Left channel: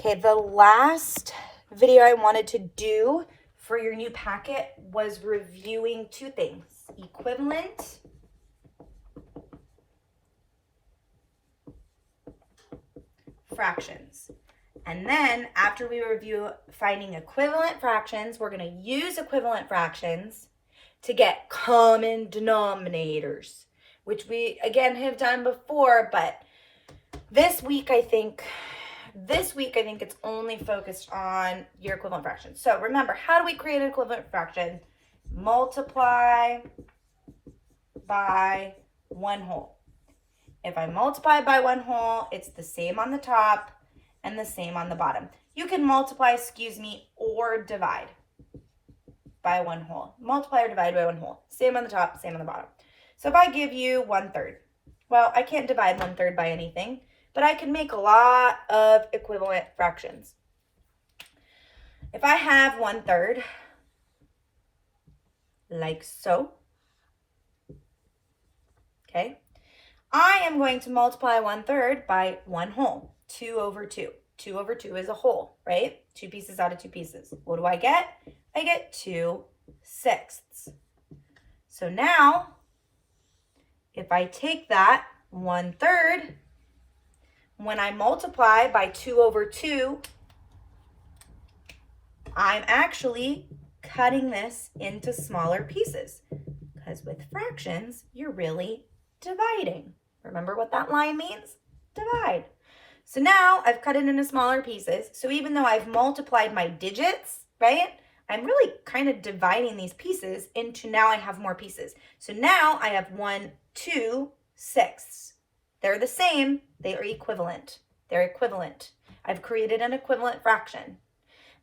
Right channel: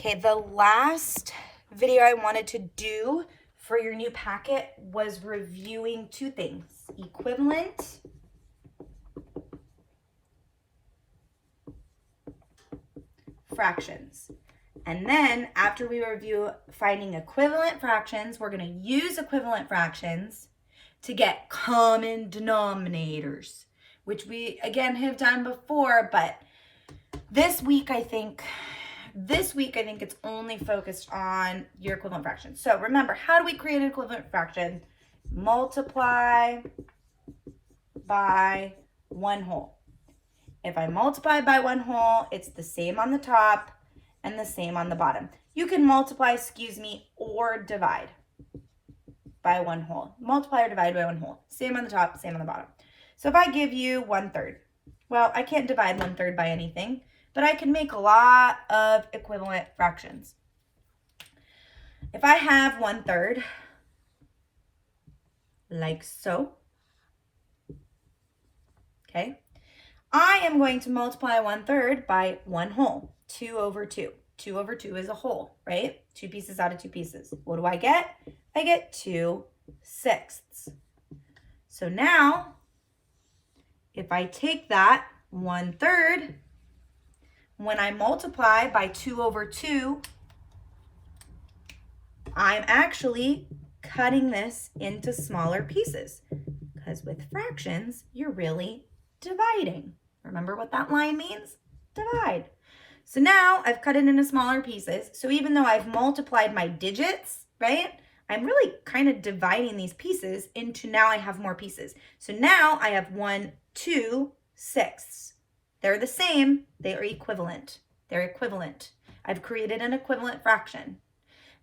Okay, the last video I wanted to do for your new packet was reviewing two things: equivalent fractions. And then after we review finding equivalent fractions, we're going to use equivalent fractions to get common denominators, which we again have done before, but this week I think it's only focused on your equivalent fractions. So remember, how do we create an equivalent fraction? Multiply by 1 whole. If I multiply by 1 whole, it's the same on the top and the same on the bottom. You can multiply, or divide by 1 whole. Multiply or divide by 1 whole. Same on the top, same on the bottom. So if I give you 1/3, well, I can't divide 1/3 by anything, but I can make a lot of equivalent fractions. If I have 1/3, like so, okay, I am going to multiply 1/3 by 1 whole, 2 over 2. 2 over 2 is a whole, right? 2 pieces out of 2 pieces. What do I get? I get 2/6. So now, if I take that 1/3, when I multiply by 2 over 2, I'm actually cutting this into smaller pieces, because with fractions, you're really dividing. Remember what that line means? Divide. So now I've cut it into smaller pieces. So even though I've multiplied my digits, right, I'm really kind of dividing these pieces into, now I have more pieces. So now I have 1, 2, 6. They're the same. They are equivalent. They're equivalent. I've created an equivalent fraction.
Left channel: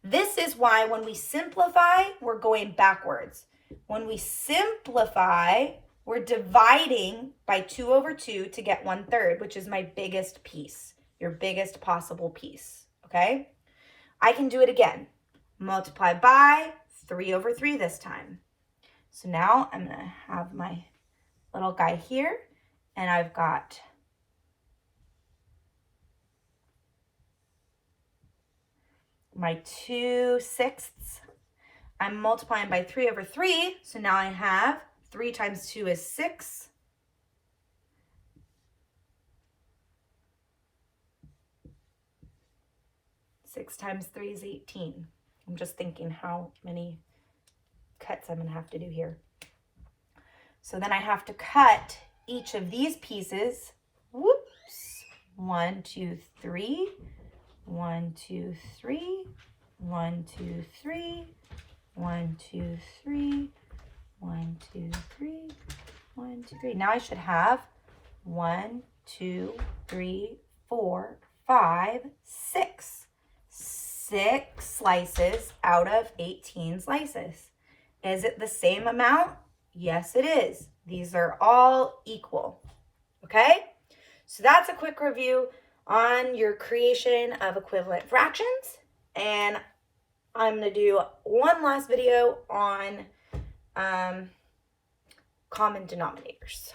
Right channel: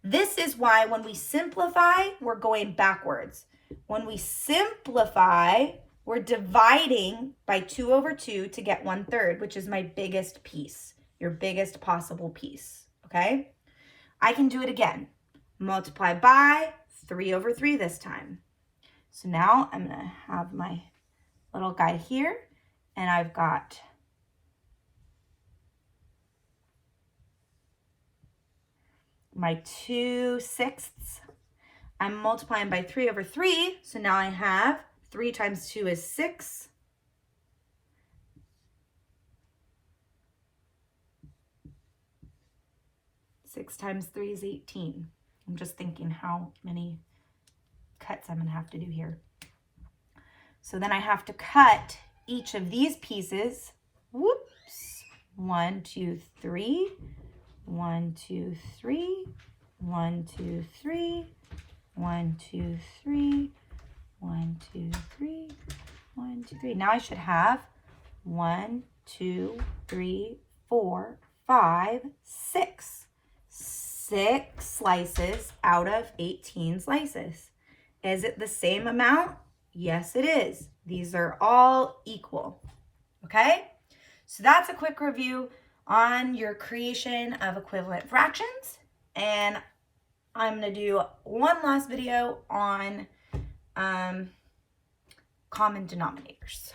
This is why when we simplify, we're going backwards. When we simplify, we're dividing by 2 over 2 to get 1/3, which is my biggest piece, your biggest possible piece, okay? I can do it again. Multiply by 3 over 3 this time. So now I'm going to have my little guy here, and I've got my 2/6. I'm multiplying by 3 over 3, so now I have 3 times 2 is 6. Six times 3 is 18. I'm just thinking how many cuts I'm going to have to do here. So then I have to cut each of these pieces. Whoops. 1, 2, 3. 1, 2, 3. 1, 2, 3. 1, 2, 3. 1, 2, 3. 1, 2, 3. Now I should have 1, 2, 3, 4, 5, 6. 6 slices out of 18 slices. Is it the same amount? Yes, it is. These are all equal. Okay? So that's a quick review on your creation of equivalent fractions. And I'm going to do one last video on common denominators.